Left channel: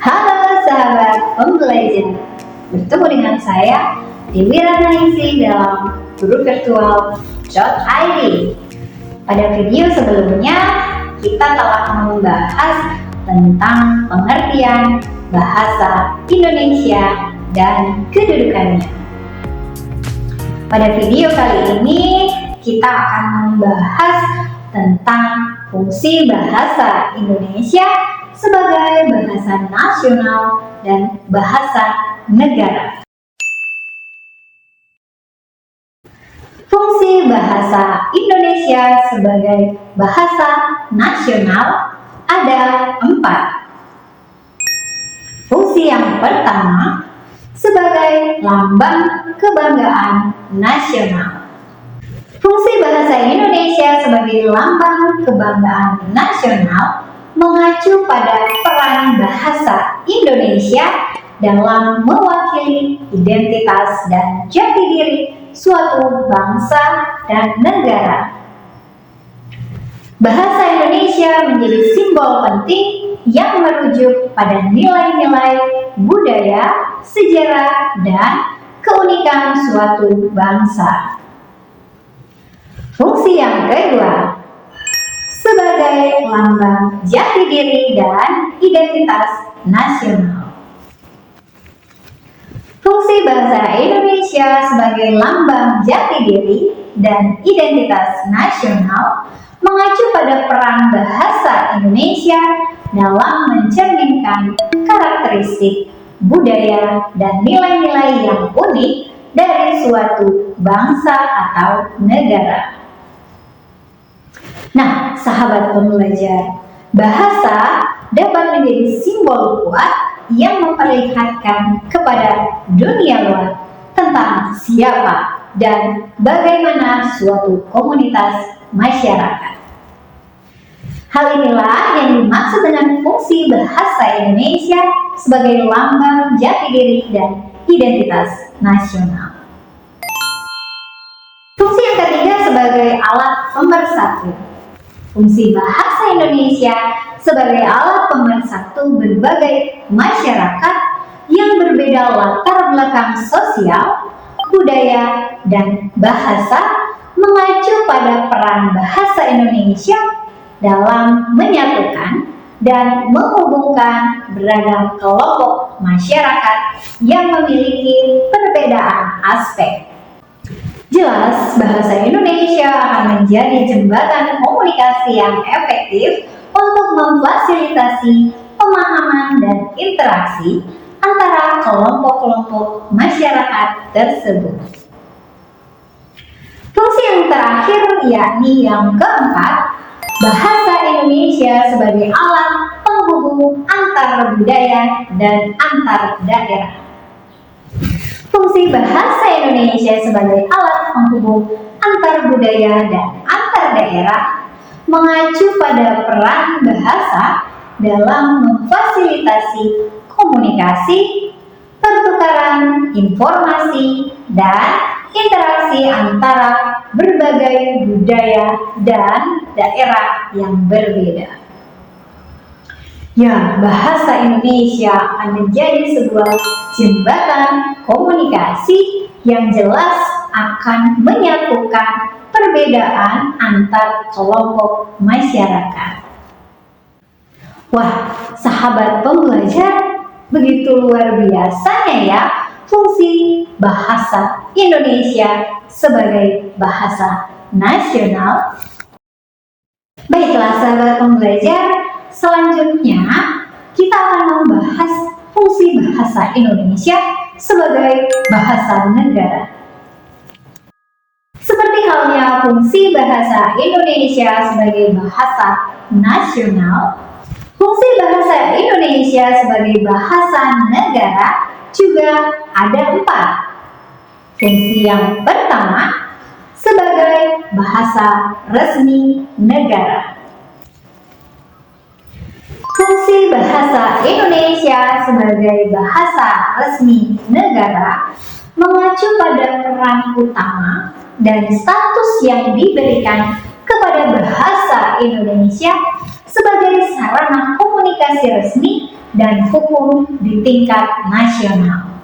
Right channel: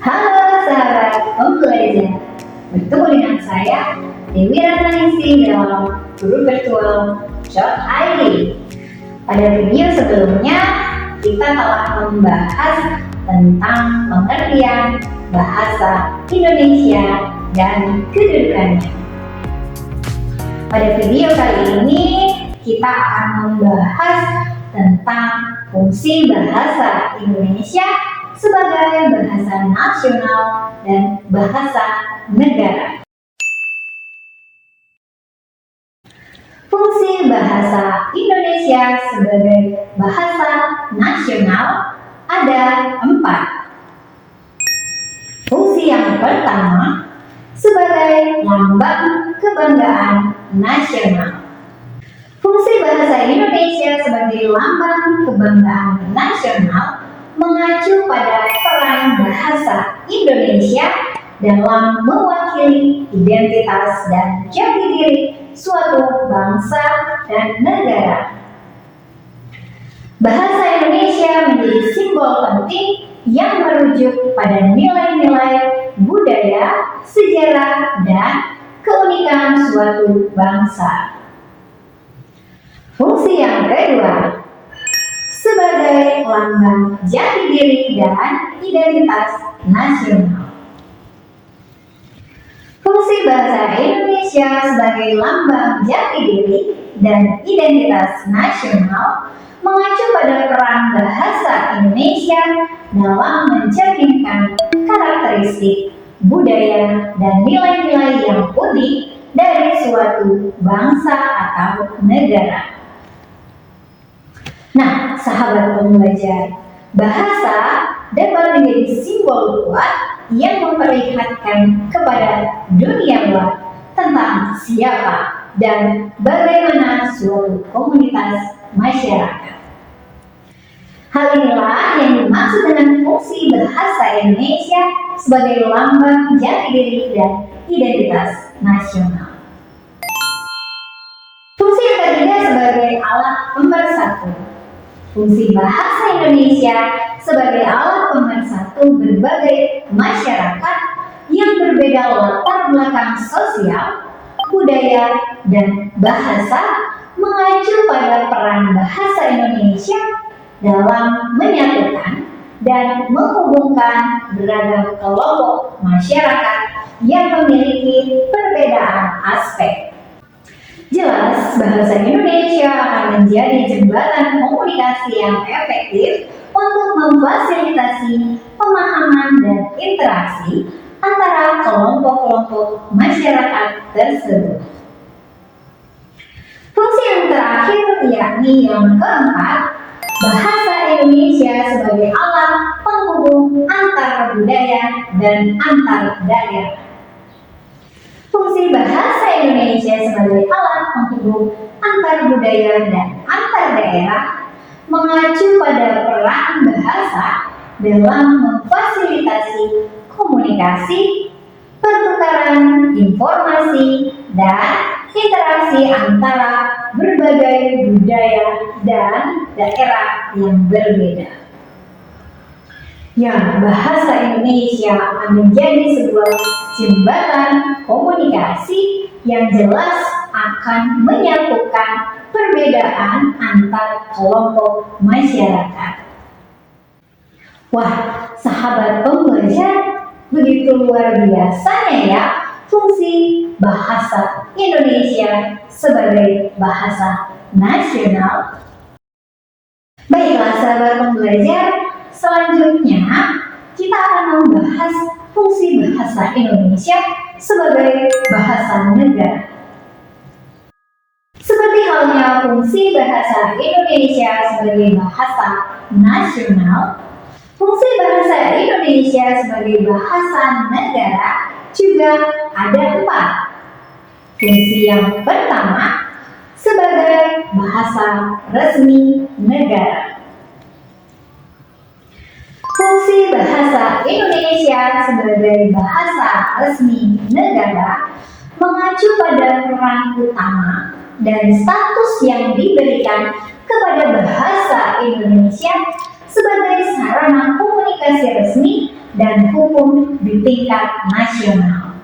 Halo sahabat pembelajar, bertemu dengan saya Dewi Ratnaningsih dalam Guru Virtual .id. Pada video sebelumnya kita telah membahas tentang pengertian bahasa Indonesia dan kedudukannya. Pada video kali ini kita akan membahas tentang fungsi bahasa Indonesia sebagai bahasa nasional dan bahasa negara. Fungsi bahasa Indonesia sebagai bahasa nasional ada 4. Fungsi yang pertama, sebagai lambang kebanggaan nasional. Fungsi bahasa Indonesia sebagai lambang kebanggaan nasional mengacu pada peran bahasa Indonesia dalam mewakili identitas dan jati diri suatu bangsa dan negara. Bahasa Indonesia menjadi simbol penting yang merujuk pada nilai-nilai budaya, sejarah, dan keunikan suatu bangsa. Fungsi yang kedua, sebagai lambang jati diri dan identitas nasional. Fungsi bahasa Indonesia sebagai lambang jati diri dan identitas nasional mengacu pada peran bahasa Indonesia dalam mencerminkan karakteristik budaya dan nilai-nilai yang unik dari suatu bangsa atau negara. Nah, sahabat pembelajar, bahasa dapat menjadi simbol kuat yang memperlihatkan kepada dunia luar tentang siapa dan bagaimana suatu komunitas masyarakat. Hal inilah yang dimaksud dengan fungsi bahasa Indonesia sebagai lambang jati diri dan identitas nasional. Fungsi yang ketiga sebagai alat pemersatu. Fungsi bahasa Indonesia sebagai alat pemersatu berbagai masyarakat yang berbeda latar belakang sosial, budaya, dan bahasa mengacu pada peran bahasa Indonesia dalam menyatukan dan menghubungkan beragam kelompok masyarakat yang memiliki perbedaan aspek. Jelas, bahasa Indonesia akan menjadi jembatan komunikasi yang efektif untuk memfasilitasi pemahaman dan interaksi antara kelompok-kelompok masyarakat tersebut. Fungsi yang terakhir yakni yang keempat, bahasa Indonesia sebagai alat penghubung antar budaya dan antar daerah. Fungsi bahasa Indonesia sebagai alat penghubung antar budaya dan antar daerah mengacu pada peran bahasa dalam memfasilitasi komunikasi, pertukaran informasi, dan interaksi antara berbagai budaya dan daerah yang berbeda. Ya, bahasa Indonesia akan menjadi sebuah jembatan komunikasi yang jelas akan menyatukan perbedaan antar kelompok masyarakat. Wah, sahabat pembelajar, begitu luar biasanya ya fungsi bahasa Indonesia sebagai bahasa nasional. Baiklah sahabat pembelajar, selanjutnya kita akan membahas fungsi bahasa Indonesia sebagai bahasa negara. Seperti halnya fungsi bahasa Indonesia sebagai bahasa nasional, fungsi bahasa Indonesia sebagai bahasa negara juga ada 4. Fungsi yang pertama, sebagai bahasa resmi negara. Fungsi bahasa Indonesia sebagai bahasa resmi negara mengacu pada peran utama dan status yang diberikan kepada bahasa Bahasa Indonesia sebagai sarana komunikasi resmi dan hukum di tingkat nasional.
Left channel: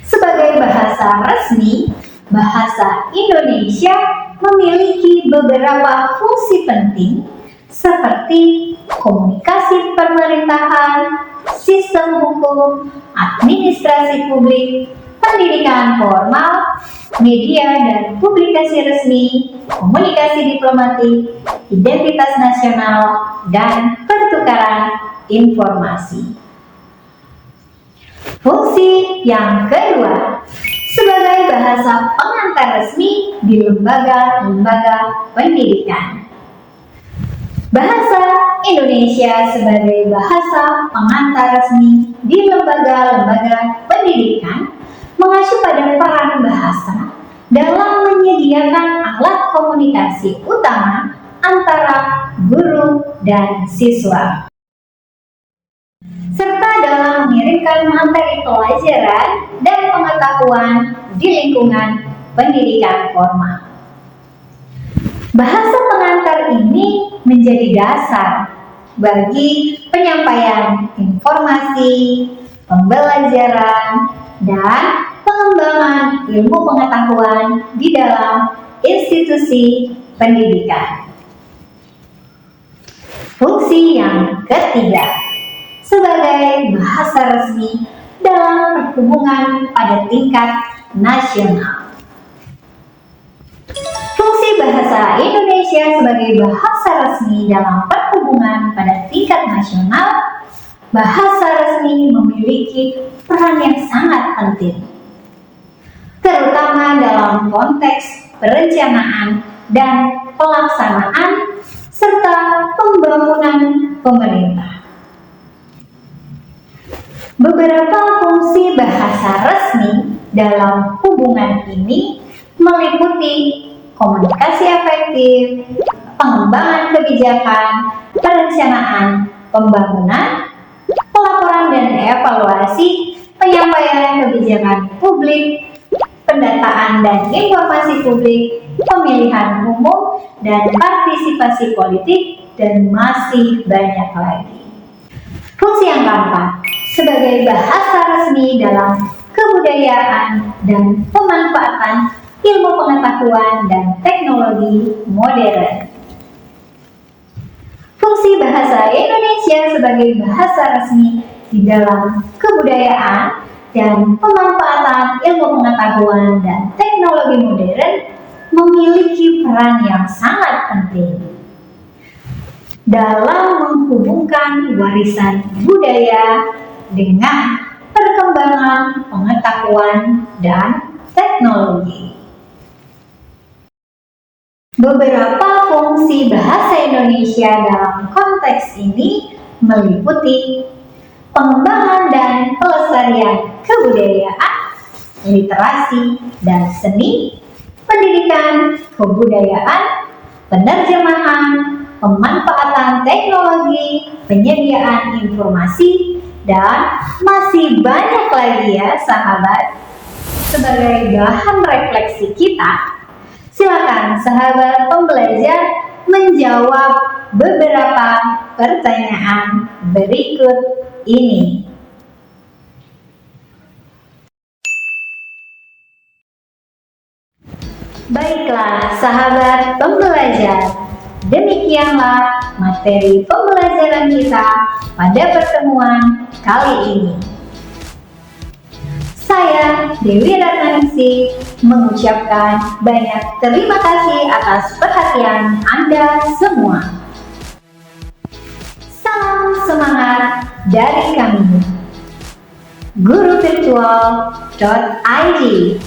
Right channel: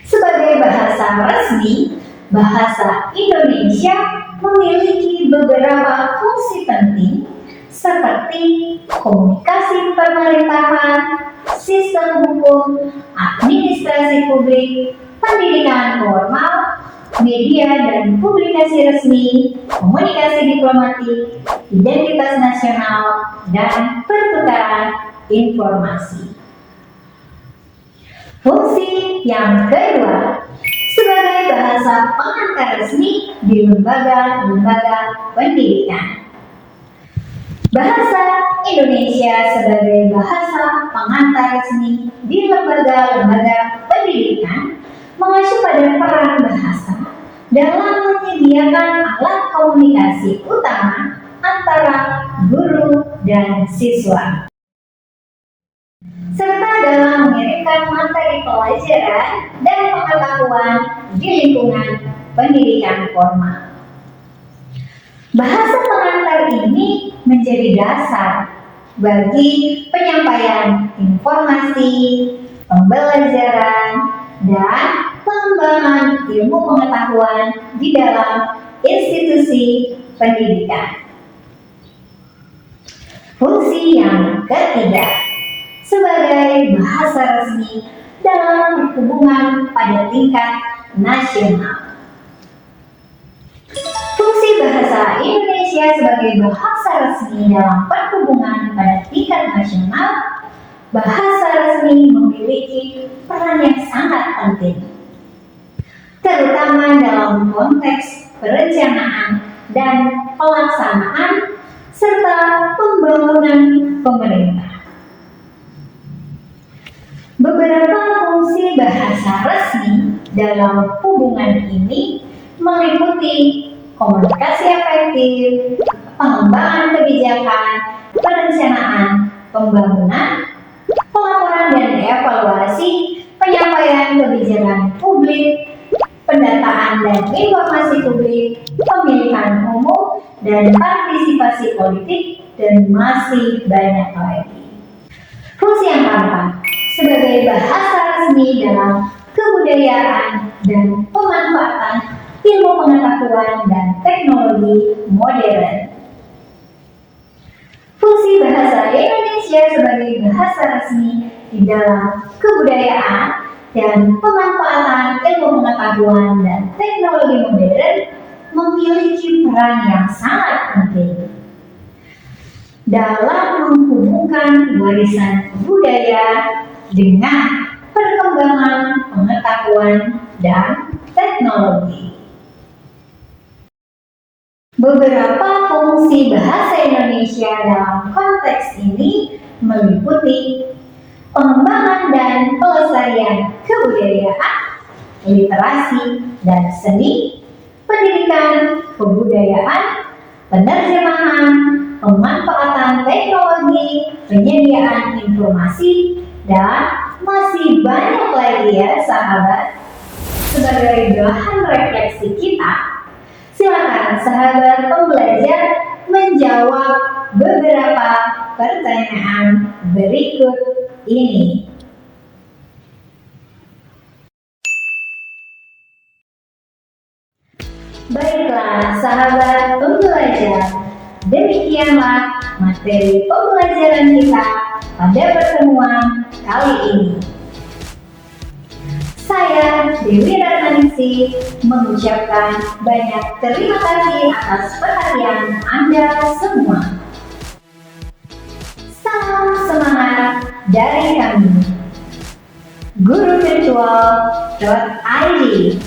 Sebagai bahasa resmi, bahasa Indonesia memiliki beberapa fungsi penting seperti komunikasi pemerintahan, sistem hukum, administrasi publik, pendidikan formal, media dan publikasi resmi, komunikasi diplomatik, identitas nasional, dan pertukaran informasi. Fungsi yang kedua, sebagai bahasa pengantar resmi di lembaga-lembaga pendidikan. Bahasa Indonesia sebagai bahasa pengantar resmi di lembaga-lembaga pendidikan mengacu pada peran bahasa dalam menyediakan alat komunikasi utama antara guru dan siswa, serta dalam mengirimkan materi pelajaran dan pengetahuan di lingkungan pendidikan formal. Bahasa pengantar ini menjadi dasar bagi penyampaian informasi, pembelajaran, dan pengembangan ilmu pengetahuan di dalam institusi pendidikan. Fungsi yang ketiga, sebagai bahasa resmi dalam perhubungan pada tingkat nasional. Fungsi bahasa Indonesia sebagai bahasa resmi dalam perhubungan pada tingkat nasional, bahasa resmi memiliki peran yang sangat penting, terutama dalam konteks perencanaan dan pelaksanaan serta pembangunan pemerintah. Beberapa fungsi bahasa resmi dalam hubungan ini meliputi komunikasi efektif, pengembangan kebijakan, perencanaan pembangunan, pelaporan dan evaluasi, penyampaian kebijakan publik, pendataan dan informasi publik, pemilihan umum, dan partisipasi politik, dan masih banyak lagi. Fungsi yang keempat, sebagai bahasa resmi dalam kebudayaan dan pemanfaatan ilmu pengetahuan dan teknologi modern. Fungsi bahasa Indonesia sebagai bahasa resmi di dalam kebudayaan dan pemanfaatan ilmu pengetahuan dan teknologi modern memiliki peran yang sangat penting dalam menghubungkan warisan budaya dengan perkembangan pengetahuan dan teknologi. Beberapa fungsi bahasa Indonesia dalam konteks ini meliputi pengembangan dan pelestarian kebudayaan, literasi dan seni, pendidikan kebudayaan, penerjemahan, pemanfaatan teknologi, penyediaan informasi, dan masih banyak lagi ya sahabat. Sebagai bahan refleksi kita, silakan sahabat pembelajar menjawab beberapa pertanyaan berikut ini. Baiklah sahabat pembelajar, demikianlah materi pembelajaran kita pada pertemuan kali ini. Saya Dewi Ratnaningsih mengucapkan banyak terima kasih atas perhatian Anda semua. Salam semangat dari kami, guruvirtual.id.